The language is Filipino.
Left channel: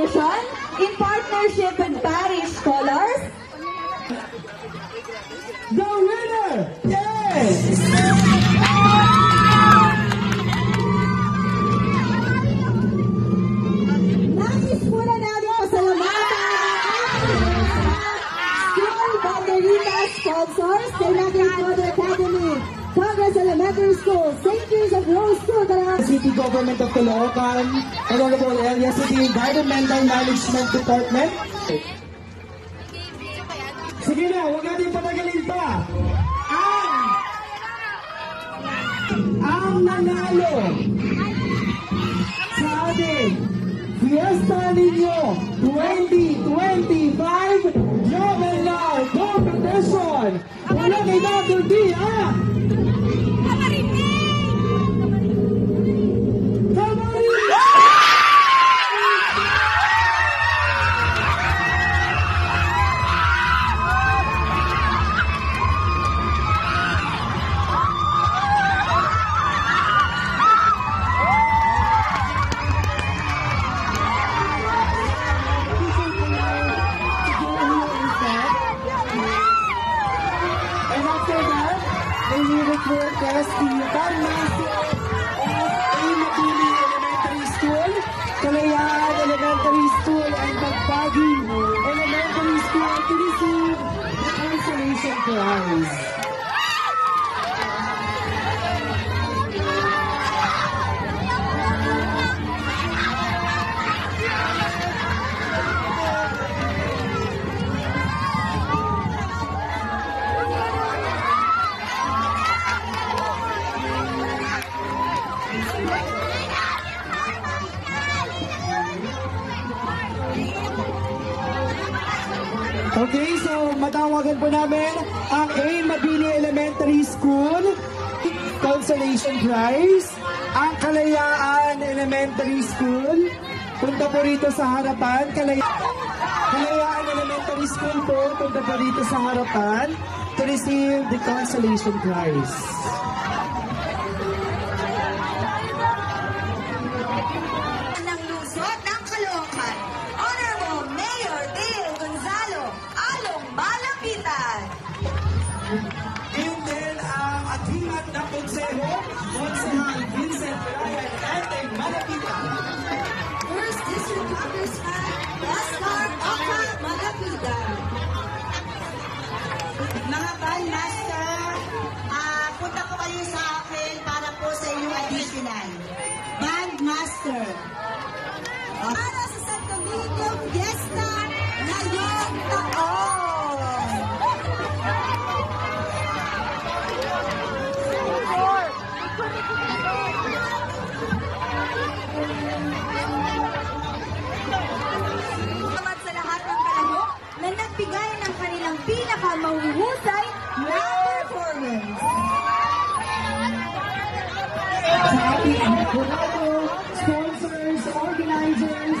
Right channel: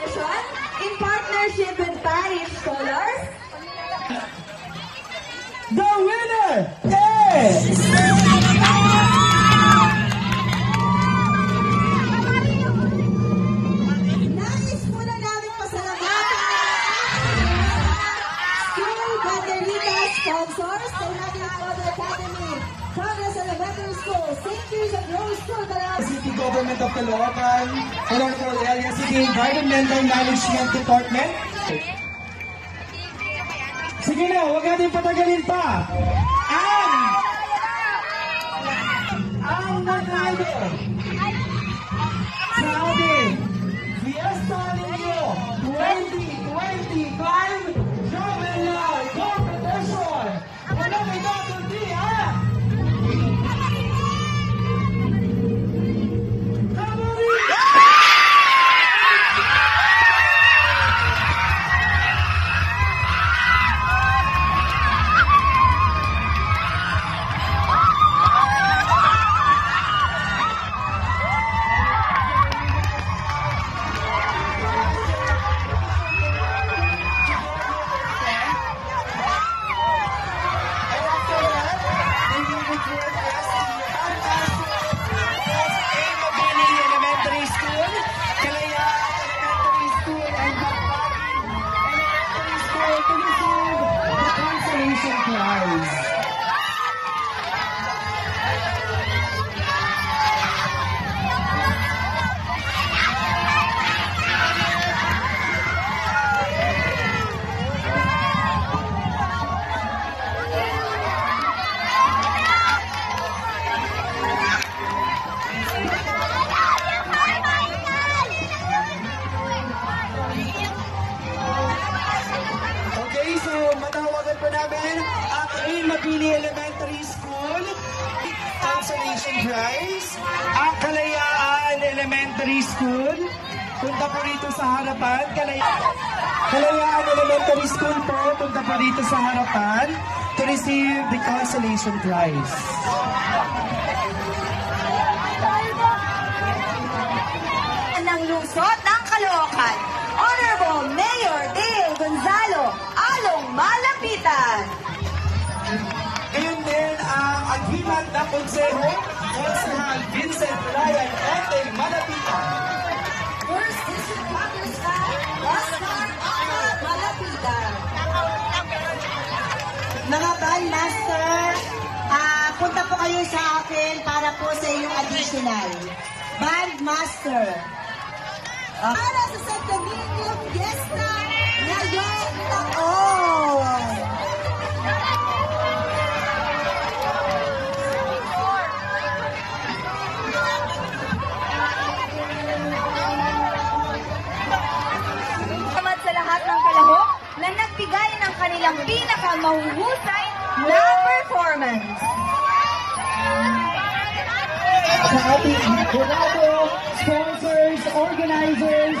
Division in partnership with Spanish Scholars. The winner is... Nais muna namin pasalamatan School Banderitas Sponsors, Kailangan Model Academy, Congress Elementary School, St. Joseph Rose School, City Government of Caloocan, Honorable Area City Environmental Management Department. Sige na, huwag natin patagalin pa. Ang nanalo sa ating Fiesta Niño 2025 Geometry Competition. Walang inabuti ha! Request the Bandmaster of Mabini Elementary School, Kalayaan Elementary School, and Bagtagi Elementary School to receive the consolation prize. Okay, so matawagan po namin ang A. Mabini Elementary School Consolation Prize, ang Kalayaan Elementary School. Punta po rito sa harapan. Kalayaan Elementary School po, punta po rito sa harapan to receive the Consolation Prize. Ng lungsod ng Caloocan, Honorable Mayor Dale Gonzalo Along Malapitan. Yun din ang agimat na konseho, Konsehal Vincent Ryan Oteng Malapitan. First District Congressman Oscar Aka Malapitan. Mga Bandmaster, punta po kayo sa akin para po sa inyong additional. Bandmaster. Para sa San Domingo Fiesta ngayong taon. Salamat sa lahat ng kalahok na nagbigay ng kanilang pinakamahuhusay na performance. Sa ating jurado, sponsors, organizers,